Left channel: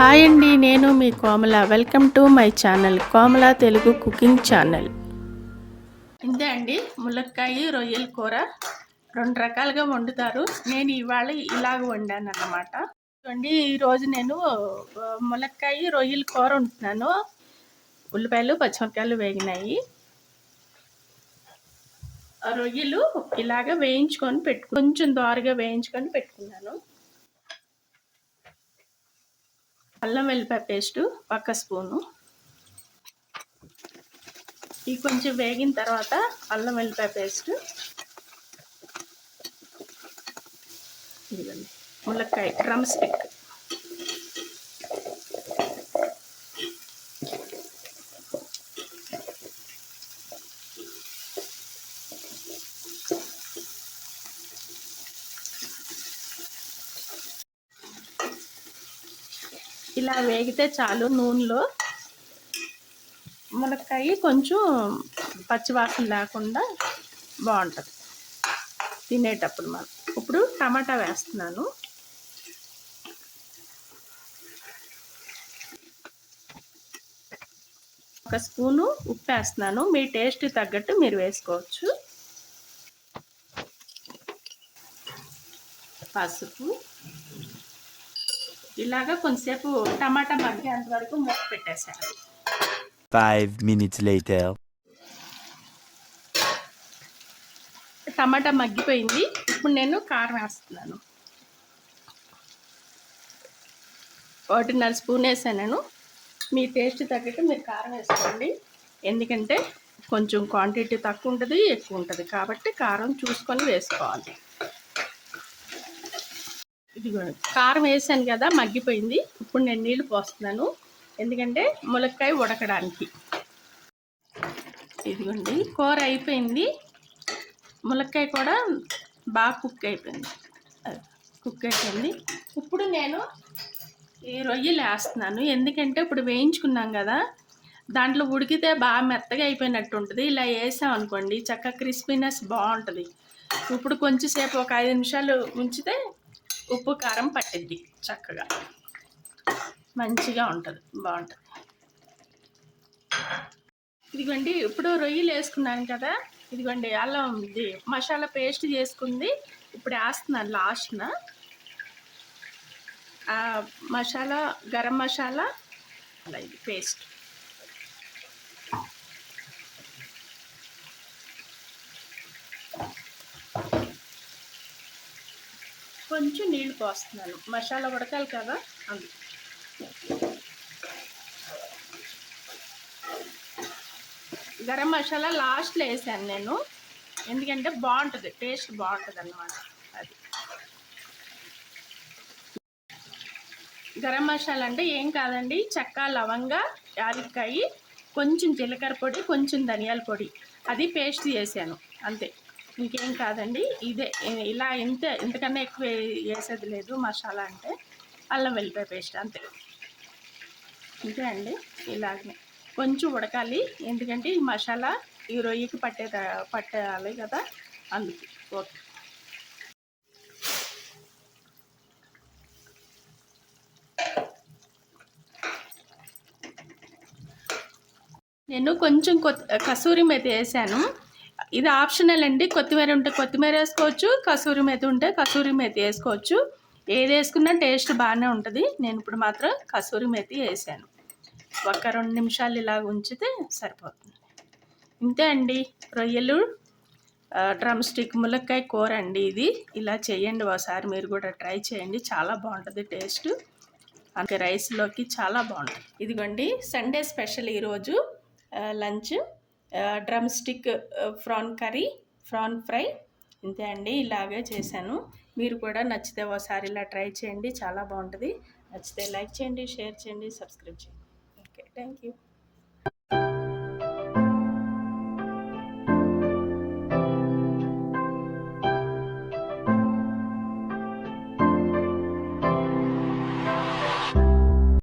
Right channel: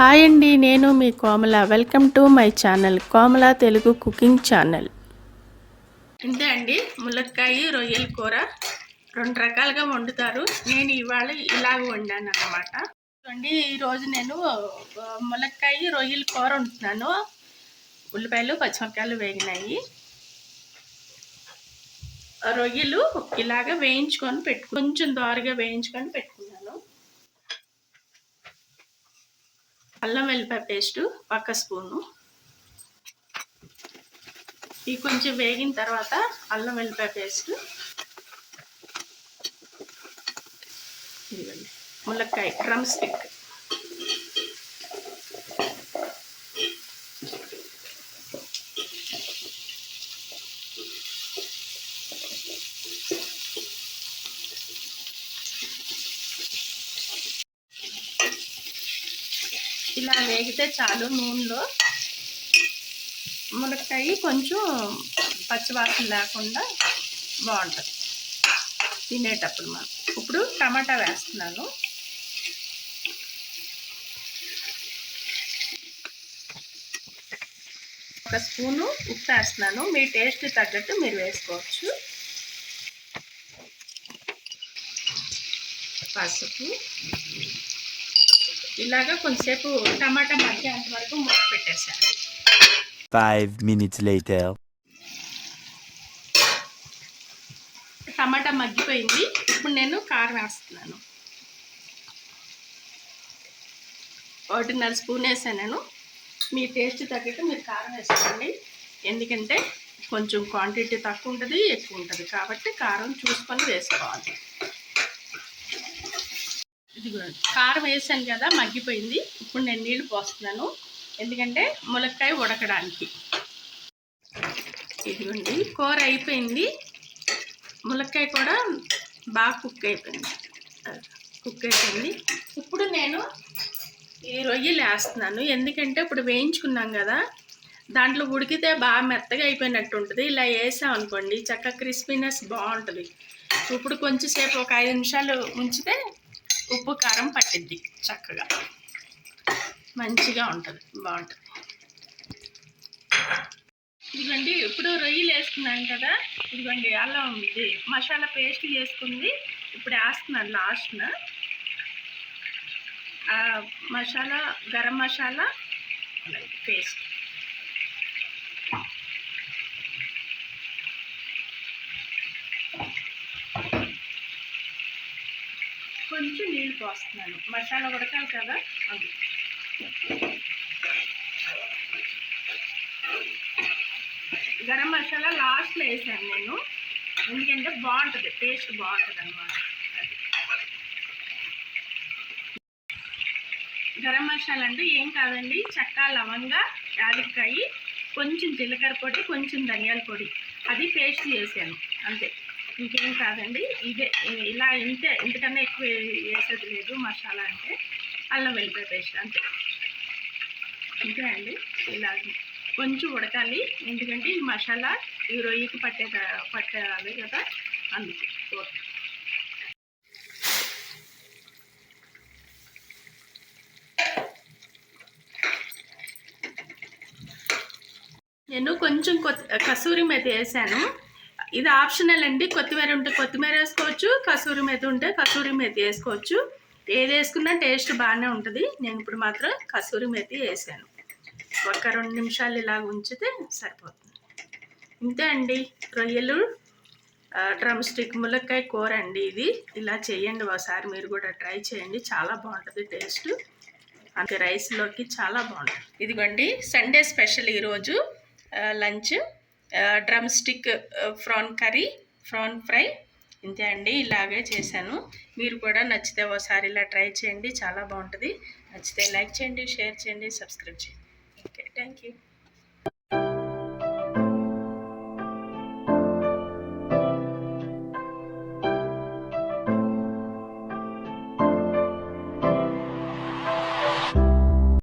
Hi అండి, నేను మీ Komala. Welcome to my channel Komala Telugu cooking channel. ఇంతే అండి, ములక్కాయ రొయ్యల కూర 2 రకాలుగా వండుతారు. నేను ఇవాళ ఇలాగ వండాను అన్నమాట. చూడండి, ఈరోజు నేను ములక్కాయ రొయ్యల కూర వండుతున్నాను. ఉల్లిపాయలు పచ్చిమిరపకాయలు వేగినాయి. రొయ్యలు ఇలాగ వేయించుకొని కొంచెం దోరగా వేయించుకొని పెట్టుకున్నాను. అల్లం వెల్లిపాయ పేస్టు 1 స్పూను. ఇది కొంచెం వేగిన తర్వాత అల్లం వెల్లిపాయ పేస్టు, ఇదిగోండి ములక్కాయ డ్రమ్ స్టిక్, ఇలా వేగితే చాలు. నూనెలో ములక్కాయ కొంచెం పచ్చివాసన లేకుండా బాగుంటుంది తినేటప్పుడు. మనం ఇప్పుడు టమాటా వేస్తున్నాను. ఒక స్పూను ఉప్పు వేస్తున్నాను. మీ టేస్ట్ తగ్గట్టు మీరు వేసుకోవచ్చు. పసుపు. ఇలాగా కొంచెంసేపు టమాటా మగ్గేంత వరకు మూత పెట్టేసాను. 5 minutes later. టమాటా మగ్గిపోయింది. ఇప్పుడు నేను కారం వేస్తున్నాను. 1.5 స్పూన్ వేసాను. మీ టేస్ట్ తగ్గట్టు మీరు కారం వేసుకోండి. ఎందుకంటే కొంచెం క్వాంటిటీ తక్కువ ఉంటుంది, ఎక్కువ ఉంటుంది, కాబట్టి కారం చూసుకొని వేసుకోవాలి. ఇదిగో కారం వేసాను కదా, మగ్గిపోయింది. ఇప్పుడు నేను నీళ్ళు పోస్తున్నాను, ఎందుకంటే ములక్కాయ ఉడకడానికి. ఇదిగోండి కూర అయిపోయింది. ములక్కాయ కూడా బాగా కుక్ అయిపోయింది. ఇప్పుడు నేను ఈ రొయ్యలు వేస్తున్నాను. ఎందుకంటే ఇప్పుడు వేయించుకున్నాం కదా, దాంట్లో ఉడికితే బాగా మెత్తగా అయిపోయినట్టు ఉంటుంది. ఇలా వేసాం అనుకోండి, చక్కగా క్రిస్పీనెస్ బాగుంటుంది. ఇప్పుడు కొంచెంసేపు ఒక 5 నిమిషాలు ఉంచితే ఉప్పు కారం పట్టిద్ది, చక్కగా మంచిగా ఉంటుంది, బాగుంటుంది. ఇదిగోండి ఇప్పుడు రొయ్యలు వేసుకున్నాను కదా, ఇదిగోండి అల్లం ఇది మసాలా పేస్ట్ చేసుకుంది. ఇప్పుడు వేస్తున్నాను లాస్ట్న. మసాలా గరం మసాలా ఇది పేస్ట్. కొంచెం నీళ్ళు పోస్తున్నాను, మసాలా ఉడకాలి కదా అది. గరం మసాలా లాస్ట్లో వేసాను నేను, ఎందుకంటే బాగుంటుంది, టేస్ట్ బాగుంటుంది అన్నమాట. అది గరం మసాలా అంటే ఏం కాదండి, చెక్క, లవంగ, యాలక్కాయ, కొంచెం జీలకర్ర పొడి, కొంచెం ధనియాల పొడి, అది పేస్ట్ చేశాను అంతే. ఇంకేం కాదండి, ఇదే ఇలా ఇంతకన్నా ఎక్కువ వేసేది లేదు. మసాలా అంటే అల్లం వెల్లిపాయ పేస్ట్ అంతే. ఇంతే అండి. ఇలాగే కొంచెం ఉడకాలి, ఎందుకంటే ఈ మసాలా ఈ రొయ్యకి పట్టాలి కదా, అందుకు. ఓకే, నేను కొంచెం కసూరి మేతి వేసాను. ఇది ఆప్షనల్ అండి. కొత్తిమీర ఉంటే కొత్తిమీర వేసుకోవచ్చు, కసూరి మేతి ఉంటే కసూరి మేతి వేసుకోవచ్చు. ఏది వేసుకున్నా టేస్ట్ బాగానే ఉంటుంది. నేను ఇప్పుడు మాత్రం కసూరి మేతి వేసాను. ఒక 2 నిమిషాలు ఇలా ఉంచితే సరిపోతుంది. ఇంతే అండి, రొయ్యలు డ్రమ్ స్టిక్ ములక్కాయ కూర అండి. ఇది ఇలా చేయండి ఒకసారి, మీరు కూడా ట్రై చేయండి, చాలా బాగుంటుంది టేస్ట్. అంటే రైస్లోకి చాలా బాగుంటుంది. ఇదిగోండి సండే స్పెషల్ ఈరోజు lunch drum stick prawn curry, prawn fry. ఇంతే అండి, ఇలాగే చేశాను. మీరు కూడా నచ్చితే ఒకసారి ఇలా ట్రై చేయండి, చాలా బాగుంటుంది. నచ్చితే లైక్ చేయండి, షేర్ చేయండి, సబ్స్క్రైబ్ చేయండి. Okay, thank you.